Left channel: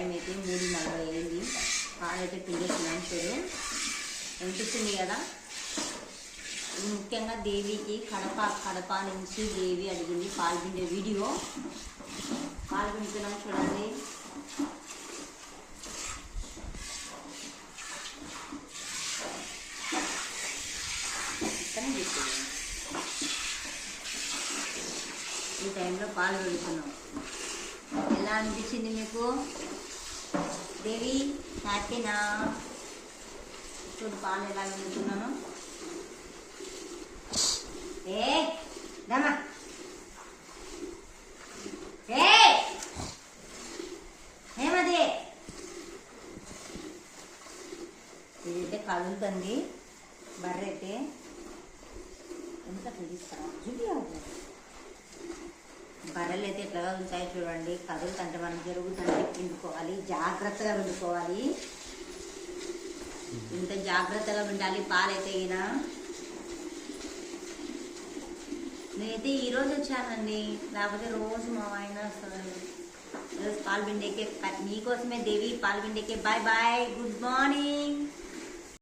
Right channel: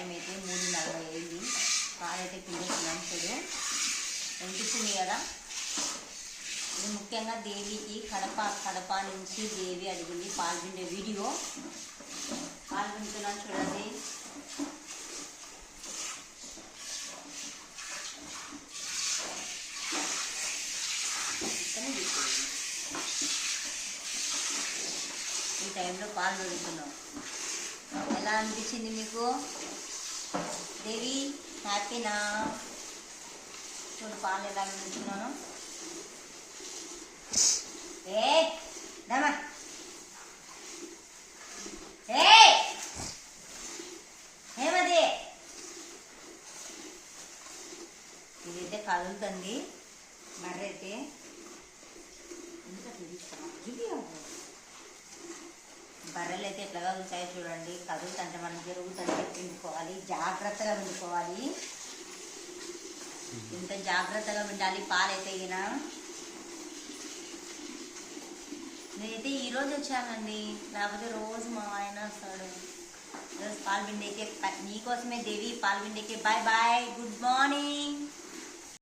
Time అయితే 3:40 అయింది. పాలు అయితే పిండేస్తున్నాను. చూడు అనిపిస్తుంది కదా. ఇది ముఖ్యంగా దేవికి కడప నుంచి దేవి అడిగింది పాలు పిండే వీడియో. పాలు పిండుతున్నాను చూడండి. ఈ టైంలో పాలు పెడుతున్నాం. ఎలా అనిపించింది మీకు దేవి? హ్యాపీనా? చూడు పాలు ఎలా పెడుతున్నాను. దమా ఏమది ఇదైతే కదులుతుంది. బర్రె అయితే ఎంత పిలుస్తాం. బర్రెలు అయితే ఎట్లా కదులుతాయో చూడండి. కదులుతుంటే మనం జరుగుతుంటే పిండుకోవాలి, జాగ్రత్తగా పిండుకోవాలి. ఇంత జాగ్రత్తగా పిండాలి. పాలైతే ఈయన నేనైతే ఈరోజు వచ్చానండి, లేకపోతే రోజు మా ఆయన వస్తాడు. ఈరోజు పాలు పిండేకే మీకోసమే దేవి పాలు పిండేకే. Bye bye, good morning.